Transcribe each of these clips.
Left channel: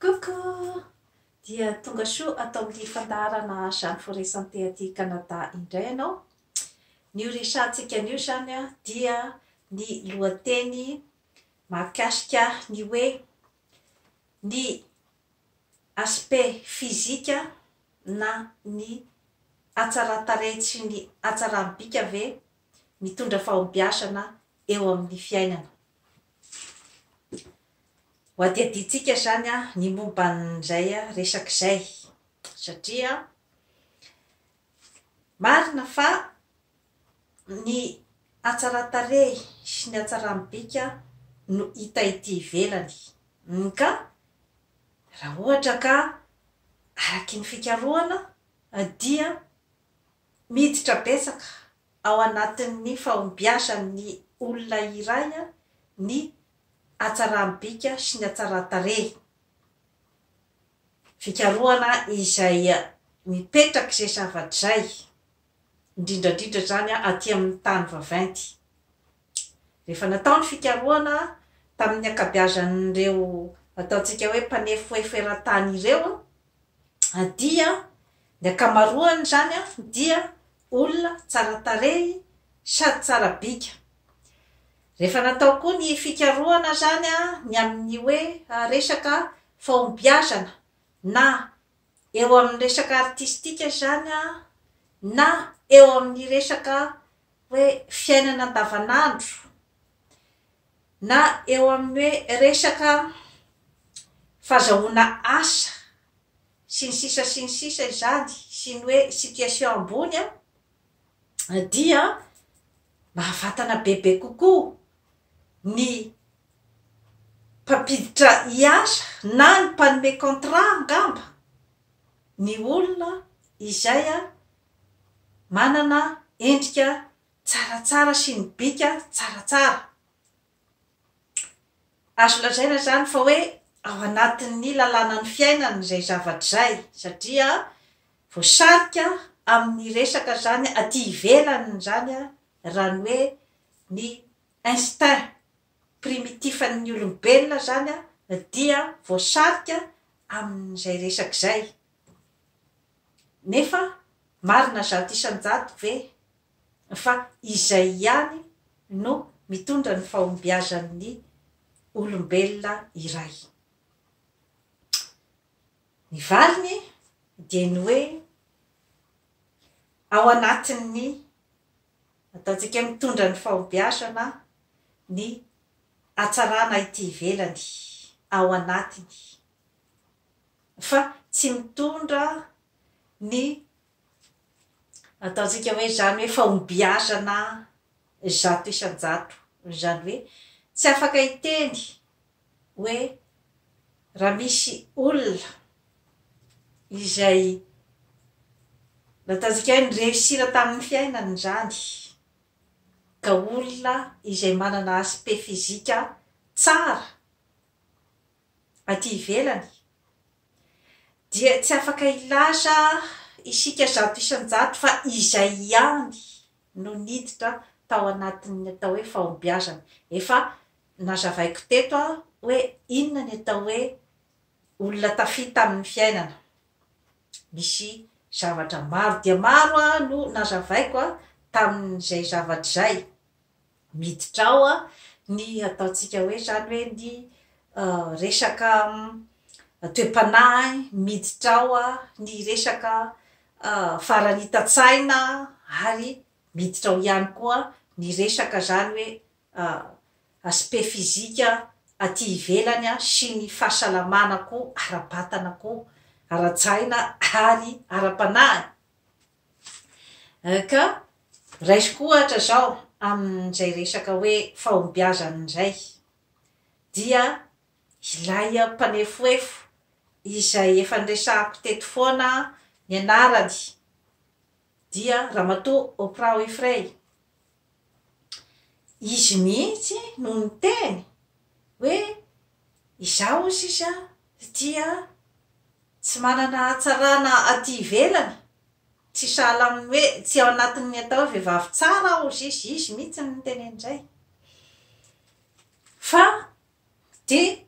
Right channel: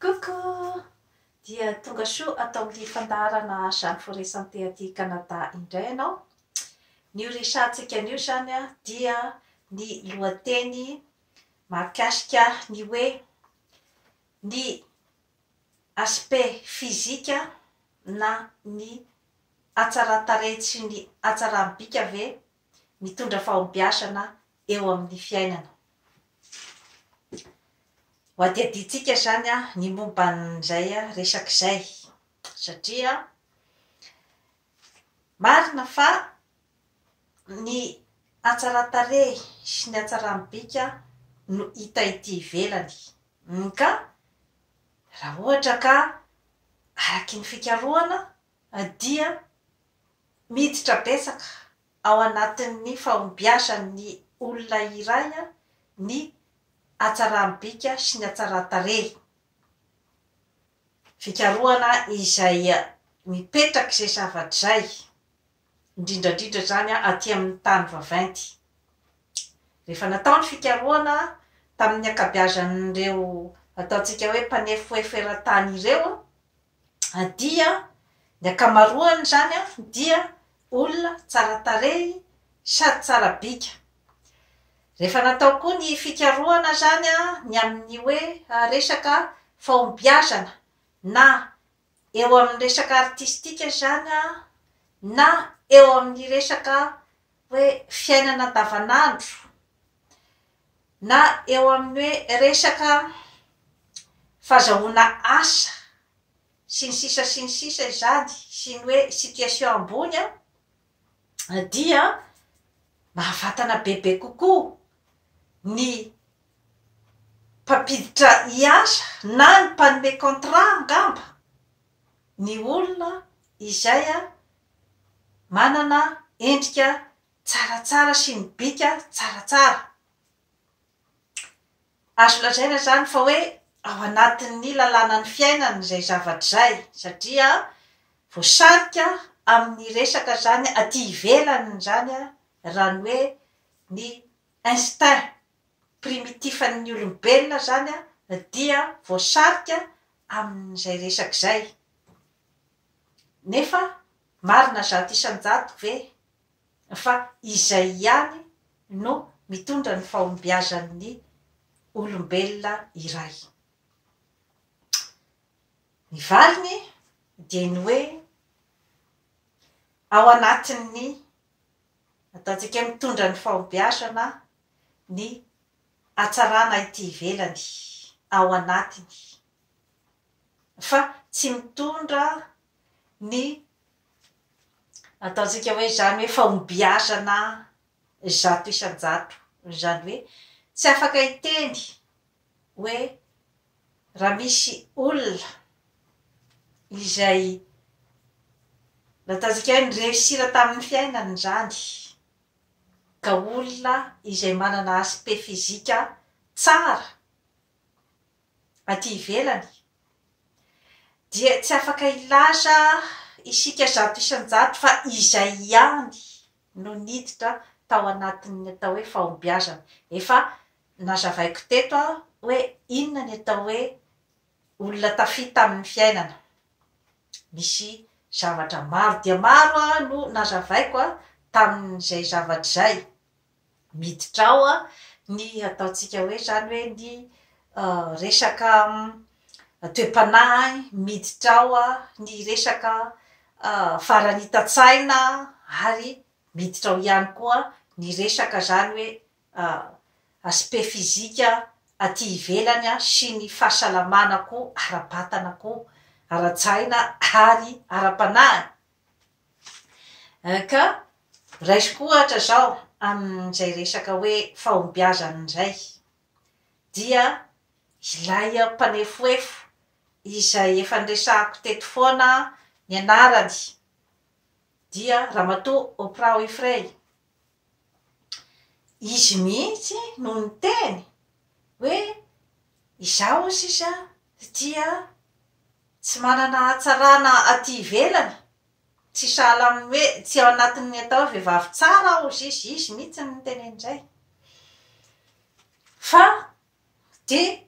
Coucou! Dia tonga soa atao amin'ny fandarana Jeanne Forêt Santé aty Canada indray ianao. Ny resahantsika anio zany dia ny lohateny mahakasika ny hoe ny aspect physique na ny hatsaran-tarehy sy ny hatsaram-bika ve mitondra fahombiazana eo amin'ny fiainana. Ho adiadintsika zany ny momban'izay resak'izay satria marina fa ny hatsaran-tarehy sy ny hatsaram-bika no hita ety ivelany, ka raha ohatra ka araky ny fikarohana dia miditra betsaka ao anatin'ny fahombiazan'ny olona iray ny hatsaram-bika sy ny hatsaran-tarehy. Fikarohana izay mipetraka izay zavatra izay, indrindrandrindra zany aty amin'ny tany vaventy. Rehefa natao ny fikarohana tamin'ny ankabeazan'ireo ataontsika hoe mpanefoefo eran-tany ireo, dia ny akamaroany zany dia olona tsara tarehy sady tsara bika. Rehefa natao koa ny fikarohana zany ny amin'ny hoe resaka fahombiazana na eo amin'ny resaka artistika zany na eo amin'ny resaka hoe fiainana andavanandro na eo amin'ny hoe resaka fahazahoana asa sy ny sisa izany sy ny hoe situation ambony dia mahafatana bebe kokoa ny mpampiditra hiasa na ny mpanome contrat angamba ny olona izay manana endrika tsaratsara sy ny bika tsaratsara. Azo lazaina zany fa hoe ao anatin'ny lalàna ny fiainana izay zavatra izay satria voasarika amin'ny resaka zany aty ivelany zany raha ny hoe ny instinct primitifan'ny olombelona zany dia voasarika amin'izay resaka izay. Nefa marina zato isan-jato ve fa izay ihany no mitondra ny fahombiazan'ny olombelona iray. Ny valiny dia ny hoe ao anatin'ny ataontsika mitondra ny fahombiazana ny hatsarana ity ivelany ao anatiny, fa tsy mitondra ny ataontsika hoe zany hoe fahombiazana zato isan-jato, zany hoe tsy afaka hiteny hoe raha misy olona izay ataontsika hoe nireusira tamin'ny fiainany zany, ka olona izay manana aspect physique tsara aty ivelany dia tsy afaka ilaza isika zato isan-jato fa izay ihany no niditra tao anatin'ny atao hoe fahombiazana. Efa nazavaiko teto hoe inona ny atao hoe olona tafita amin'ny fiainana. Misy zavatra maro dia maro no nazavaiko tamin'izay zavatra izay. Miditra ao ny ataontsika hoe zany hoe ny resaka toe-panahy, miditra ao ny resaka faranita-tsaina ary miditra ao ihany koa ny resaka zany hoe aspect physique aty ivelany sy ny fahasalamana koa ara-batana koa ara-tsaina ary ara-panahy. Ka raisiko ohatra zao amin'izay resaka hoe fahombiazana izay dia ilay mpanefoefo izay efa niresahako teto foana ny anarany dia Ramatoa Oprah Winfrey. Izy mihitsy no niteny hoe izaho ozy izy dia tsy manana hatsarana aty ivelany, tsy sahala amin'ny hoe tsy ao anatin'ny atao vehivavy tsara aho izy mihitsy no niteny an'izay. Fa dia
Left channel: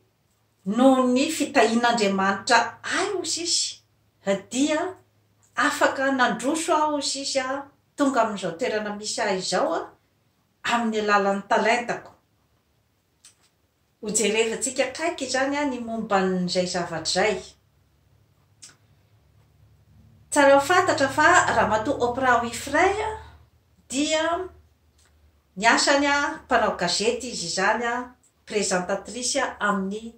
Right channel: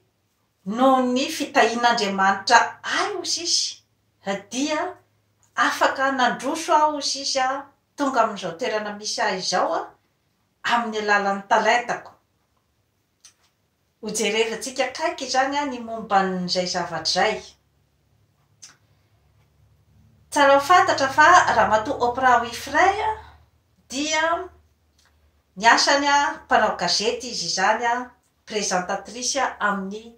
noho ny fitahian'Andriamanitra aho sisy dia afaka nandroso aho sisy tonga amin'izao toerana misy ahy izao amin'ny alalan'ny talentako. Hojerevantsika kaiky zany ny momban'izay zavatra zay. Tsara fantatra fa ramatoa Oprah Winfrey dia ny asany mpanao gazety izy zany présentatrice amin'ny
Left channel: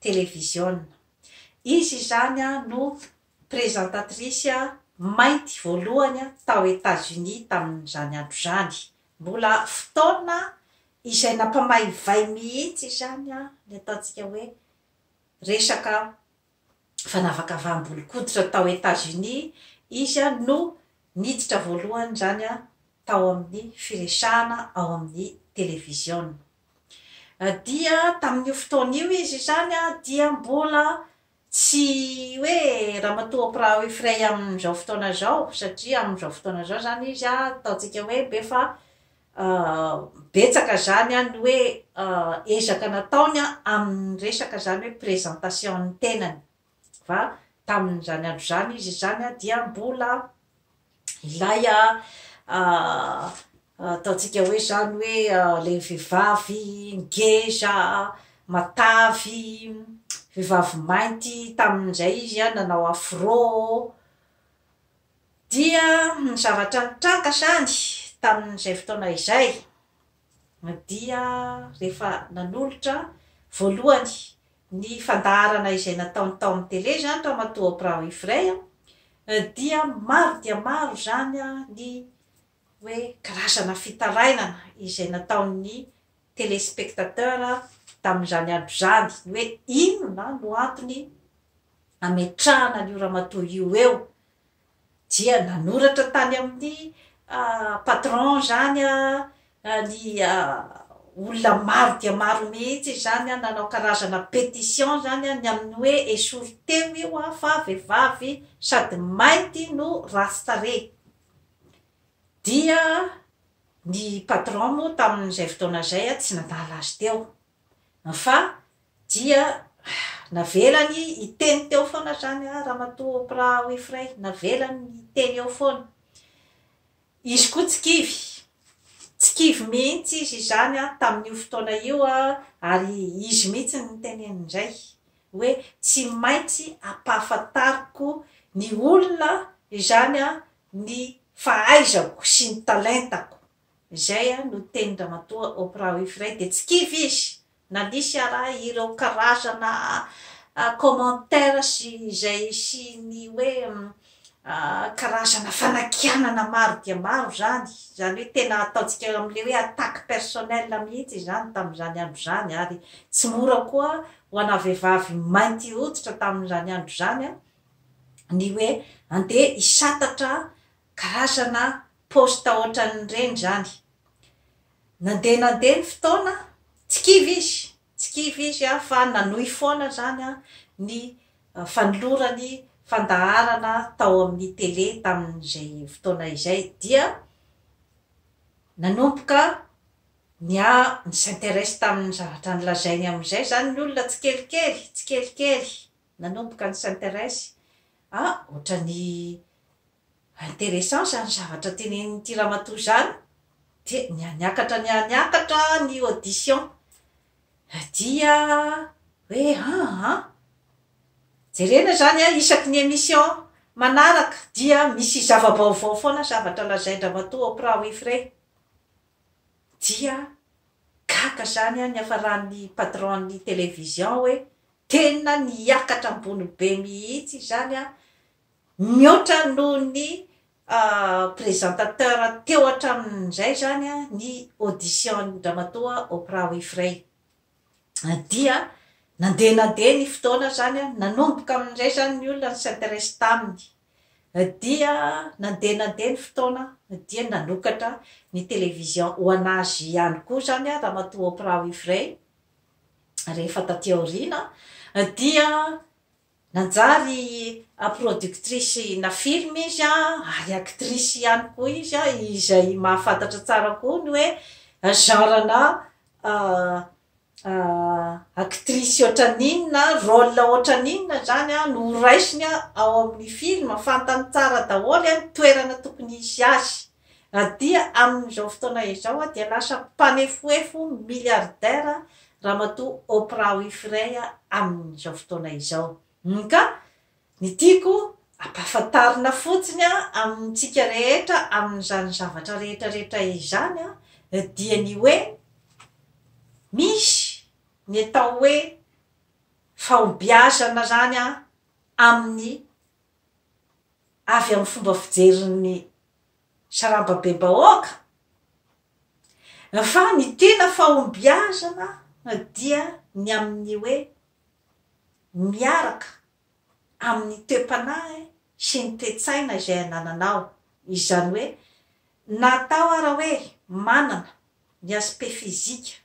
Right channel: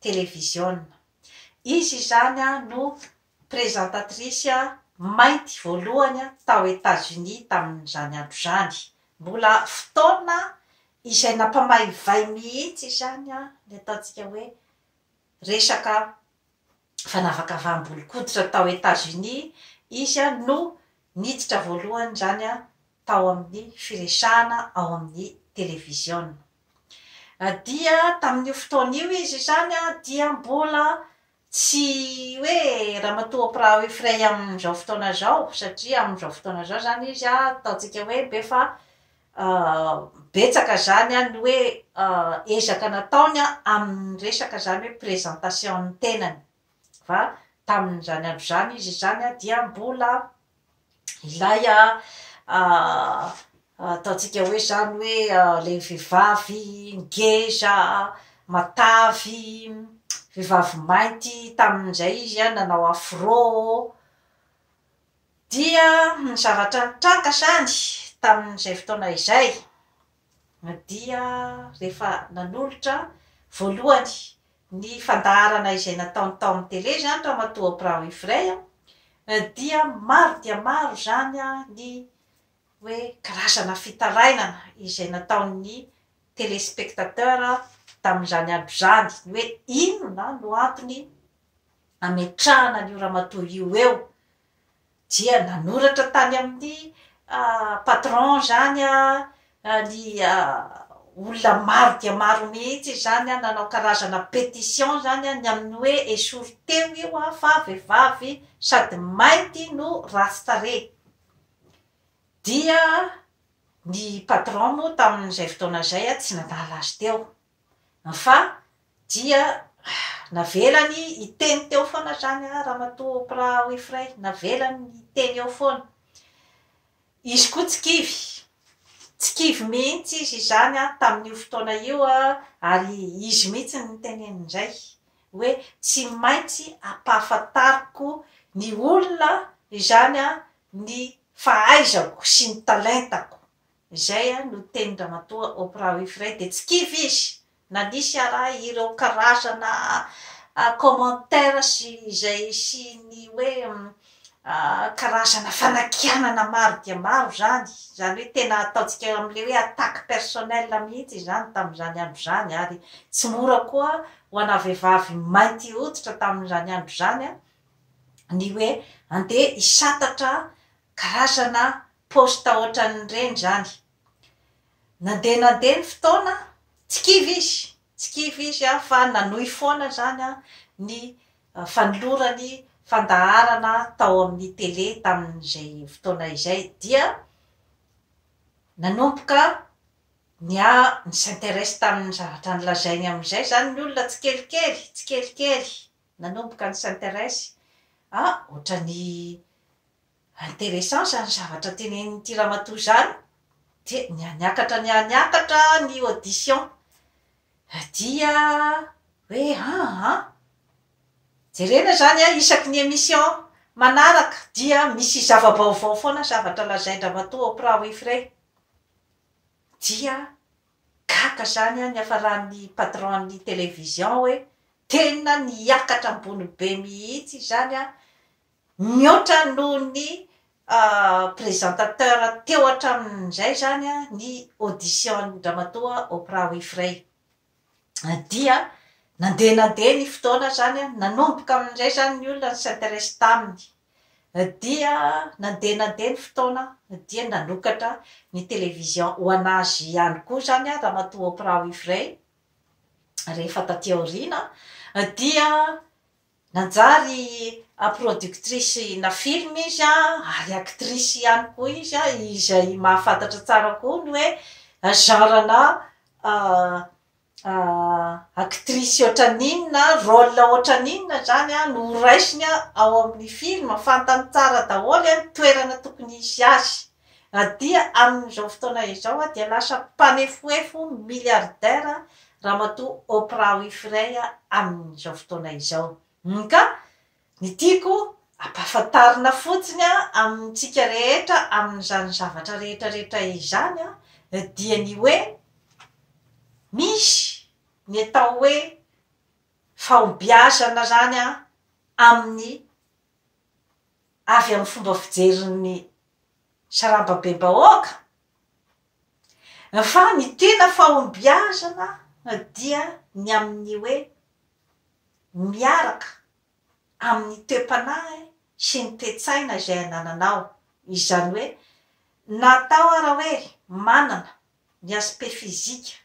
télévision. Izy zany no présentatrice mainty voalohany tao États-Unis tamin'izany andro zany. Mbola fotoana izay nampamaivay mihitsy zany ny ataontsika hoe resaka fanavakavaham-bolokoditra tao États-Unis. Izy no niditra voalohany zany tao amin'ny firesahana ao amin'ny télévision. Dia tamin'io fotoana io izy zany dia mbola tsy hoe ramatoa Oprah Winfrey amin'izao fotoana zao, satria amin'izao fotoana zao zany izy ataontsika hoe befa betsaka zany ny hoe ezaka nataony amin'ny resaka zany hoe présentation ny tenany. Fa tamin'izany andro zany izy zany dia mbola ilay ataontsika hoe zany hoe le vehivavy ngeza matavy, vehivavy mainty tamin'izay izy nanao afro. Dia ny zavatra nitranga zany tamin'izay fotoana izay dia rehefa nanolotra voalohany ny fandaharana izay nataony tao amin'ny télé zany ramatoa Oprah Winfrey dia maro zany ny hoe karazana fitarainana izay nataon'ny téléspectateur tamin'izany andro zany, hoe inona no antony ametrahana n'io ramatoa io eo. Dia nanoratra tany amin'ny patron zany ny olona maro dia maro mihitsy zany nanao karazana pétition zany ny amin'ny hoe esory teo io fa vehivavy sady mainty no rastare. Dia ny patron moa tamin'izay fotoana zay tsy nandala azy teo, fa dia navelany iteny teo foana zany ramatoa Oprah Winfrey, navelany iteny eo foana. Izy koa tsy kivy mihitsy izy zany tamin'io fotoana io ary izy mihitsy nitenen'izay hoe tsy maintsy ampahafantariko ny olona izany ny fahaizako sy ny talentako. Izay no teny ramatoa Oprah Winfrey. De tsy kivy izy na nisy ireo karazana commentaire sy izay sy ny hoe karazana fanakianana maro dia maro zany hoe tena ataontsika amin'le hoe attaque personnelle mihitsy zany tamin'izany andro zany. Ary tsy mora koa ho ana vehivavy mainty hoditra tamin'izany andro zany ny hoe andeha hisatatra karazana posta ohatran'ireny zany. Nandeha ny fotoana tsy kivy izy fa nanohy foana zany ny fanolorany fandaharana tao amin'ny télé tamin'izay fotoana izay. Dia nanomboka ny s'intéresse tamin'ny zavatra nilazainy amin'izay zany ny olona tsy kelikely nanomboka ny s'intéresse ohatrany intéressant zany zavatra tenenin'ity ramatoa zany. Dia niakatra ny audition. Dia hoe jerena zany isaky ny émission manaraka dia misy zava-baovao foana zavatra lazainy ramatoa Oprah Winfrey. Dia gaga zany ny hafaran'ny patron-ny télévision hoe tena niakatra ambony be mihitsy zany mihoatra noho ny présentateur teo hatramin'izay zany ny audition ramatoa Oprah Winfrey. Dia nandeha ny fotoana zany nanomboka amin'izay zany ny olona s'intéresse taminy. Dia nandeha ny fotoana dia nanokatra ny télévision ho anazy ihany koa zany ramatoa Oprah Winfrey. Rehefa taty aoriana dia nanjary productrice na film izy ary actrice ihany koa izy izay mahafantatra tsara koa ny hoe genre-na actrice ohatran'inona rôle ohatran'inona zany a no raisiny ao amin'ny film fantany tsara daholy a toerana tokony isy azy dia amin'izao fotoana izao a dia lasa mpanefoefo milliardaire ramatoa Oprah Winfrey amin'izao fotoana izao ka ny tiako ampahafantarina fotsiny amintsika rehetra amin'izany zavatra rehetrarehetra izany dia ny hoe misy ny atao hoe fahombiazana zany amin'ny avy amin'ny fomba fijerin'ny sarambabem-bahoaka fa ny tena fahombiazana dia ny amin'ny hoe miaraka amin'ny toe-panahy sy ny toe-tsaina izay anananao izany hoe natao ara hoe manana ny aspect fizika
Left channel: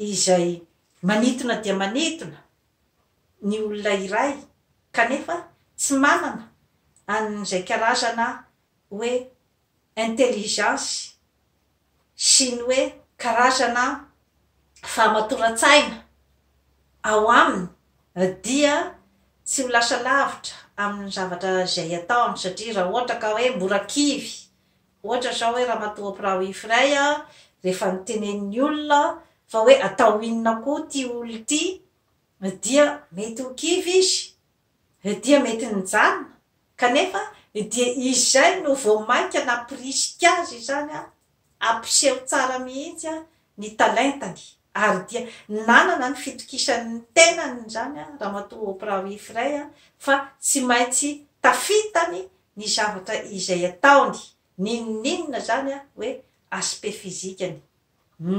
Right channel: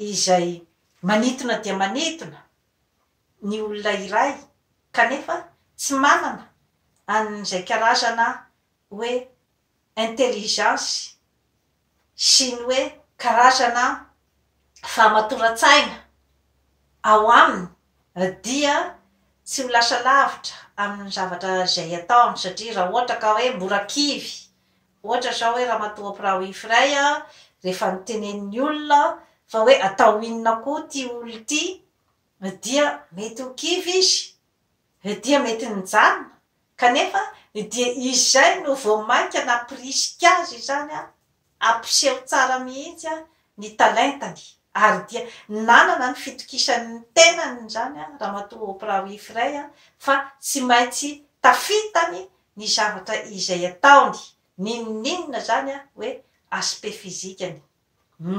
izay manitona dia manitona ny olona iray kanefa tsy manana an'izay karazana hoe intelligence sy ny hoe karazana famatoran-tsaina ao aminy dia tsy ho lasa lavitra amin'ny zavatra izay ataony satria raha ohatra ka hoe mora kivy ohatra zao hoe ramatoa Oprah Winfrey rehefa nitenen'ny olona fa hoe atao inona koa ty olo ty dia mety ho kivy izy dia mety nijanona kanefa dia izay no voamaika na prisika azy zany ampiseho tsara mihitsy ny talentany ary dia nanana ny fitokisan'ny tenany zany ramatoa Oprah Winfrey fa tsy maintsy tafitany ny zavatra izay ataony ninonina zany hoe aspect fizikany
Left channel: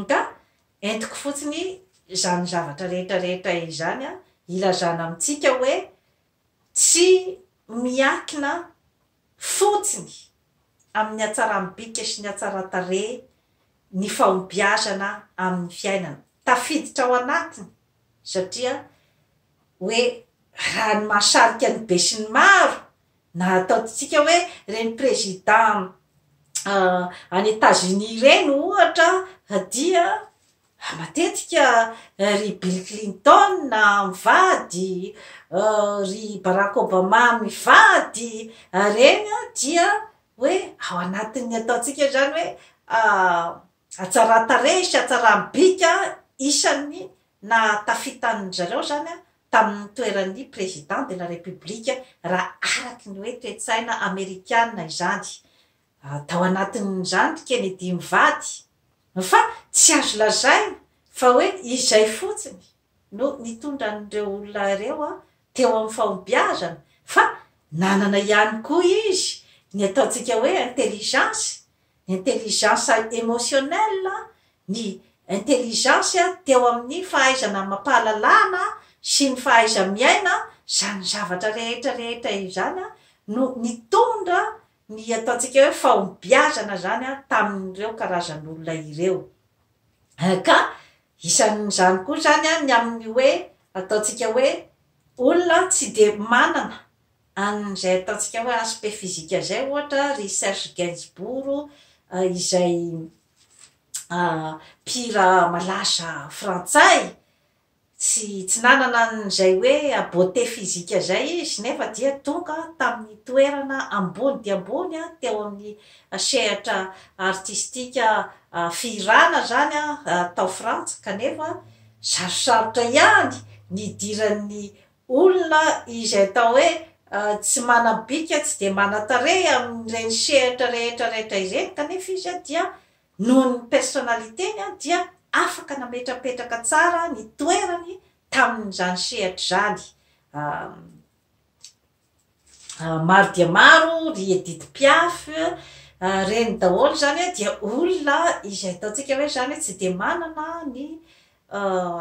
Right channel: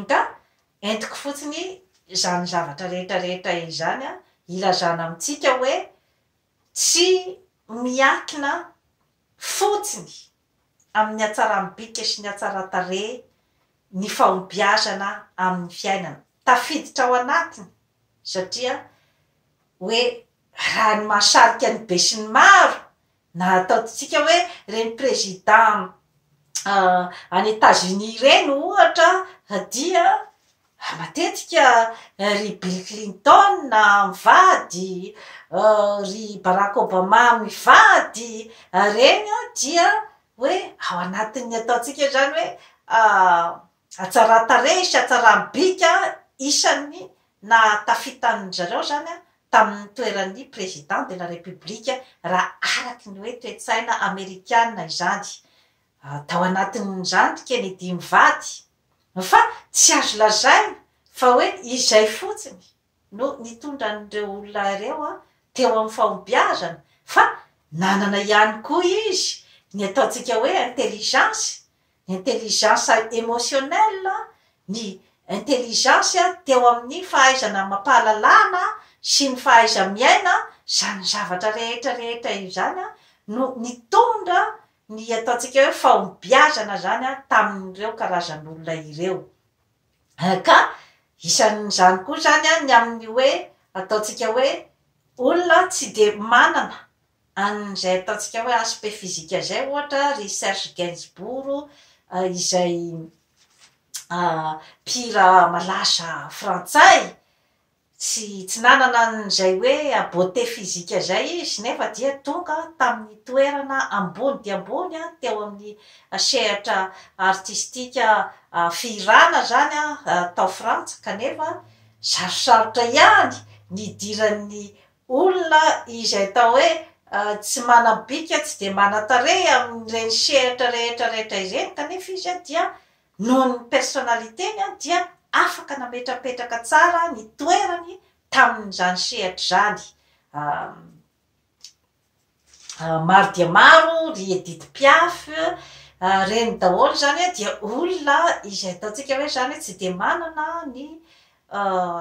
ka entiko fotsiny zany zavatra rehetrarehetra izany ilazana amintsika hoe tsy miakina fotsiny amin'ny hatsaram-bika sy ny hatsaran-tarehy ny fahombiazana amin'ny fiainana tafiditra ao anatiny satria hoe raha ny mahasarika ny be sy ny maro na ataotsika hoe reny président any États-Unis reny ohatra dia matetika ry Bill Clinton mivady ry Barack Obama mivady reny dia hoe ao anatin'ny ataotsika zany hoe hatsaran-tarehy sy hatsaram-bika isany na tafitan'ny zareo zany tamin'ny toeran'ny président de la république raha araky ny hoe toe-tsaina amerikana izany tao anatin'izany Kennedy mivady fa tsy azo lazaina fa hoe izay fotsiny no nitondra an'ireo olona ireo teo amin'ny fahombiazana fa nanana ihany koa izy ny ataontsika hoe intelligence émotionnelle ny intelligence teo amin'ny fahaizana mampahalalana sy ny fahaiza miaina zany zavatra rehetrarehetra izany no nitondra ny ataontsika hoe fahombiazana zany tamin'ireo karazan'olona ireo ka isan'izany koa zany ny amin'ny hoe ataontsika hoe olona tsy de manana an'izay ataontsika hoe aspect fizika zay ohatra ry Serge Gainsbourg izay mpihira malaza frantsay tsy nanana an'izay hoe beauté fizika zay izy nefa dia tonga tamin'ny toerana ambony dia ambony teo amin'ny sehatra artistika fihirana zany tao Frantsa kanefa sarosarotra ihany ny idiran'ny olona izay atao hoe tsy manabika tsy de manatarehy amin'ireny sehatra rehetrarehetra izeny kanefa izy dia noho ny personnalitény dia afaka nametrapetraka tsara ny toerany tamin'izany sehatra zany maro dia maro ry Edith Piaf reny daholo zany dia olona izay ataontsika hoe zany tsy de manana ny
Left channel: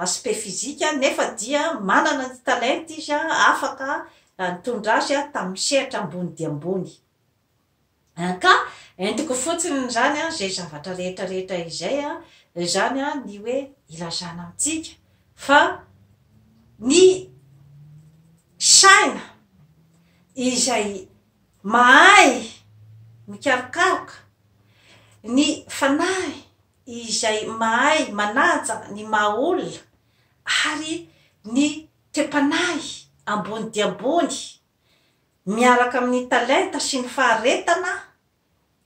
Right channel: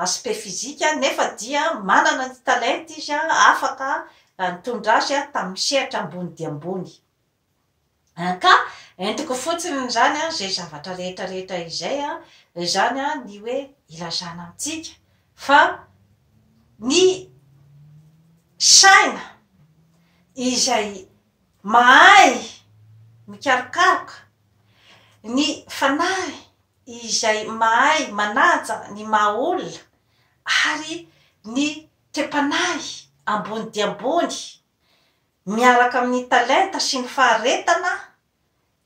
aspect fizika nefa dia manana ny talenta izy afaka nitondra azy tamin'ny sehatra ambony dia ambony ka entiko fotsiny zany zay zavatra rehetrarehetra izay zany ny hoe ilazana amintsika fa ny saina izay mahay mikarokaroka ny fanahy izay mahay manaja ny maha olona ary ny tepanahy ambony dia ambony miaraka amin'ny talenta sy ny faharetana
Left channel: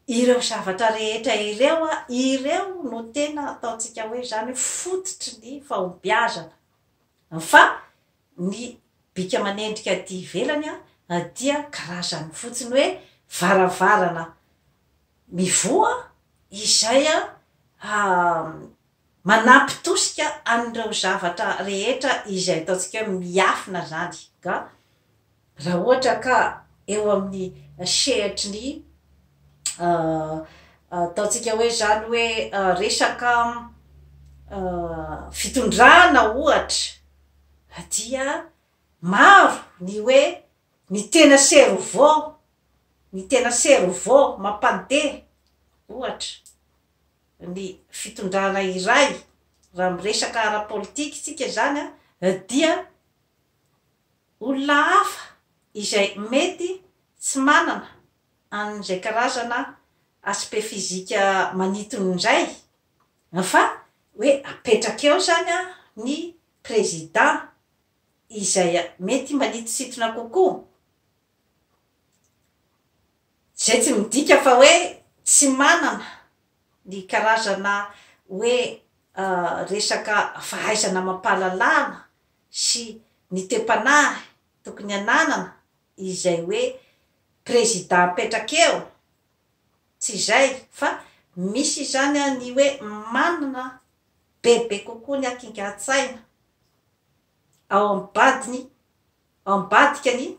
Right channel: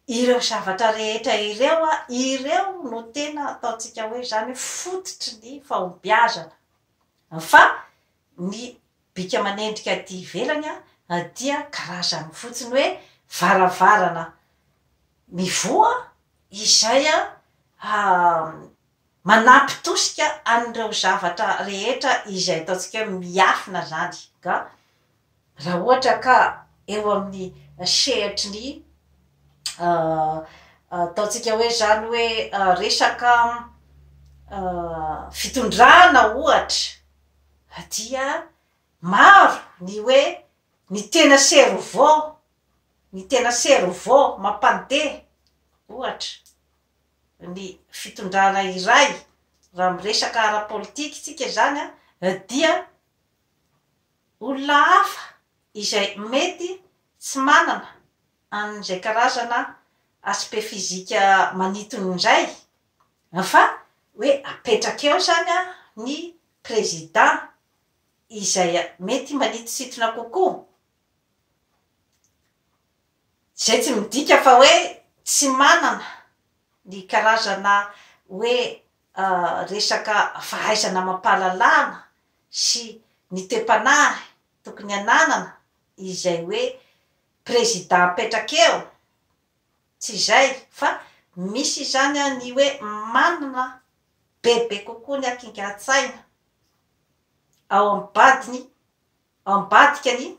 ireo zavatra rehetra ireo ireo no tena ataontsika hoe zany fototry ny fahombiazana fa ny bika manendrika aty ivelany dia karazany fotsiny hoe varavarana mivoa izay manampy tosika anireo zavatra rehetra izay ataontsika hoe miafina zany ka raha ohatra ka eo amin'ny sehitry ny ataontsika hoe zany hoe resaka fitondrana ohatra dia maro ny hoe ny tena servao mampandeha ohatra ny fitondrana iray raha miresaka ara-politika tsika zany dia olona hafa izay mety tsy manana an'izay karazana aspect fizika maniton'izay fa hoe apetraka eo zany ny président izay mety manitositona kokoa zay tsy midika fa hoe tsy manana ny karazana hoe resaka fahaizana mampalalana sy ny tepanahy tokony ananana izay hoe président apetraka eo tsy zay fa misy zany ny hoe manana bebe kokoa ny akinga-tsaina ao ambadikany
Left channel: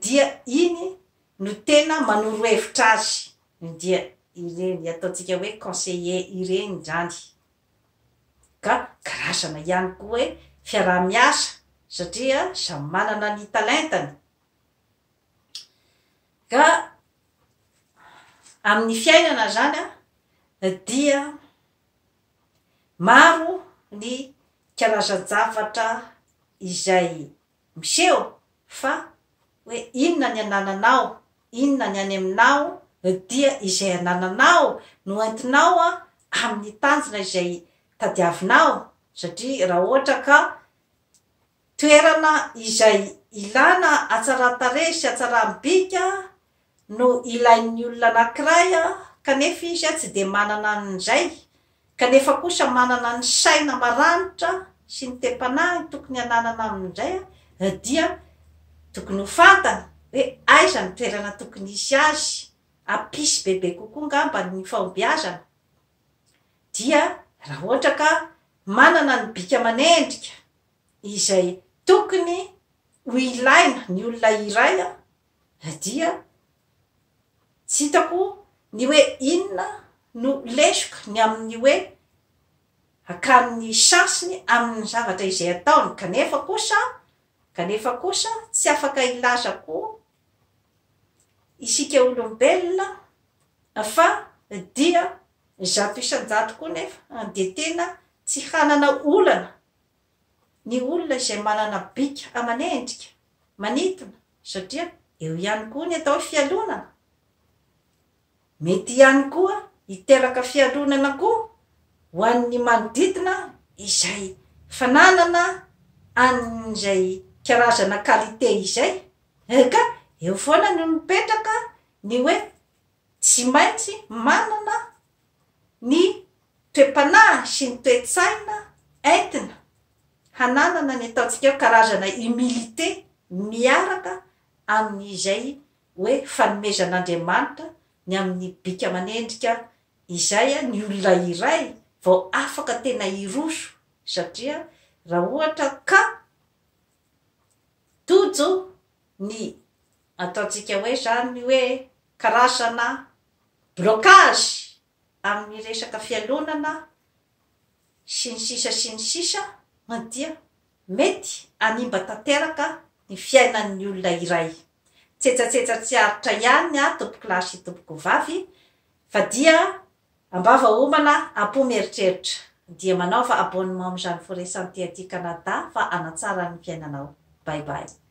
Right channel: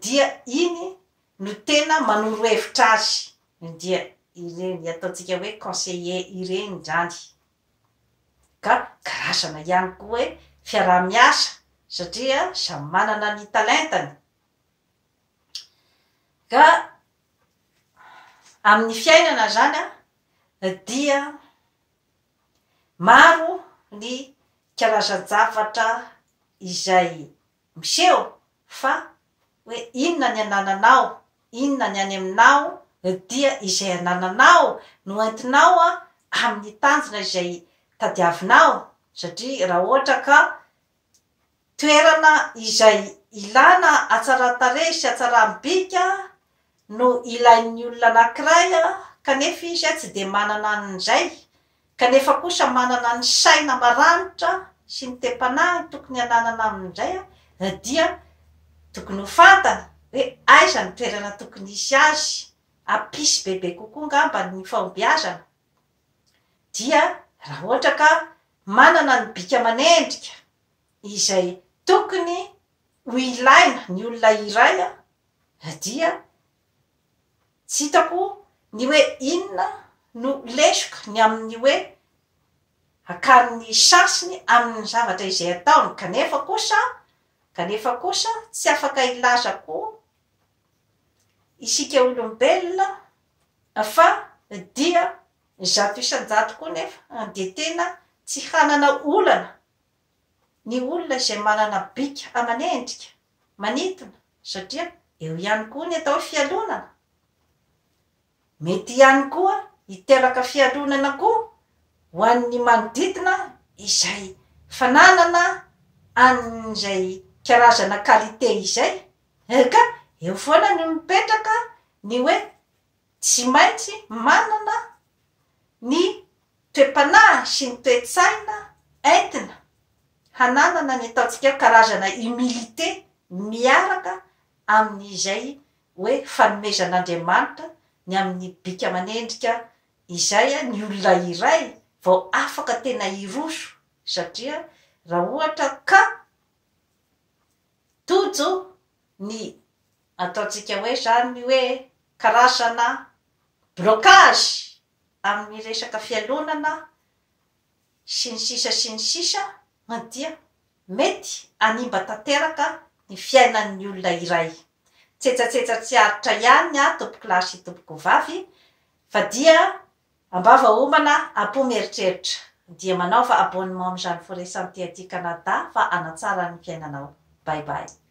dia iny no tena manoro hevitra azy dia ireny ataontsika hoe conseiller ireny zany ka karazana ihany koa hoe fiaraha-miasa satria samy manana ny talentany ka amin'ny fiainana zany dia maro ny karazan-javatra izay miseho fa hoe inona ny anananao inona ny any aminao dia izay anananao no entinao amin'ny tanjona izay tadiavinao satria raha ohatra ka toerana izay ilana atsara-tarehy sy atsara-bika no ilain'ny olona anankiray kanefa izy tsy de manana an'izay kanefa kosa manana ny saina maranitra sy ny tepanahy tokony ananana amin'izay dia tokony ho fantana hoe aiza ny toerana tokony isy azy apisy bebe kokoa ngamba ny fahombiazana dia raha ohatra ka manana ny bika manendrika izay tokony ho ilaina ny olona iray dia tsy hitako ny hoe inona no lesoka ny amin'ny hoe akariny sansiny amin'ny zavatra izay ataony kanefa kosa tsy afaka ilaza koa isika olombelona fa dia zato isan-jato koa nefa de tena tsy hanana olana ny olona izay manana bika amanendrika manitona satria eo ihany koa ny atao fialonana mety ihany koa hiteraka fialonana koa ho an'ny manodidina izay fananana an'izay karazana qualité izay ka eo foana no mipetraka ny hoe tsy maintsy manana ny toe-panahy sy ny toe-tsaina entina hananana ny ataontsika karazana humilité miaraka amin'izay hoe fanomezan'Andriamanitra ny amin'ny bika manendrika izay ny olona iray vao afaka tena hiroso satria raha ohatra ka tojo ny ataontsika hoe zany hoe karazana blocage amin'ny resaka fialonana sy ny sisa dia mety animba tanteraka ny fiainan'ny olona iray tsetsatsetsatra tsy aritra ihany tompoko lahy sy tompoko vavy fa dia ambava homana ampomeritreritra dia manaova abonnement amin'izany foresanty aty Canada fa hanatsara ny fiainanao. Bye bye.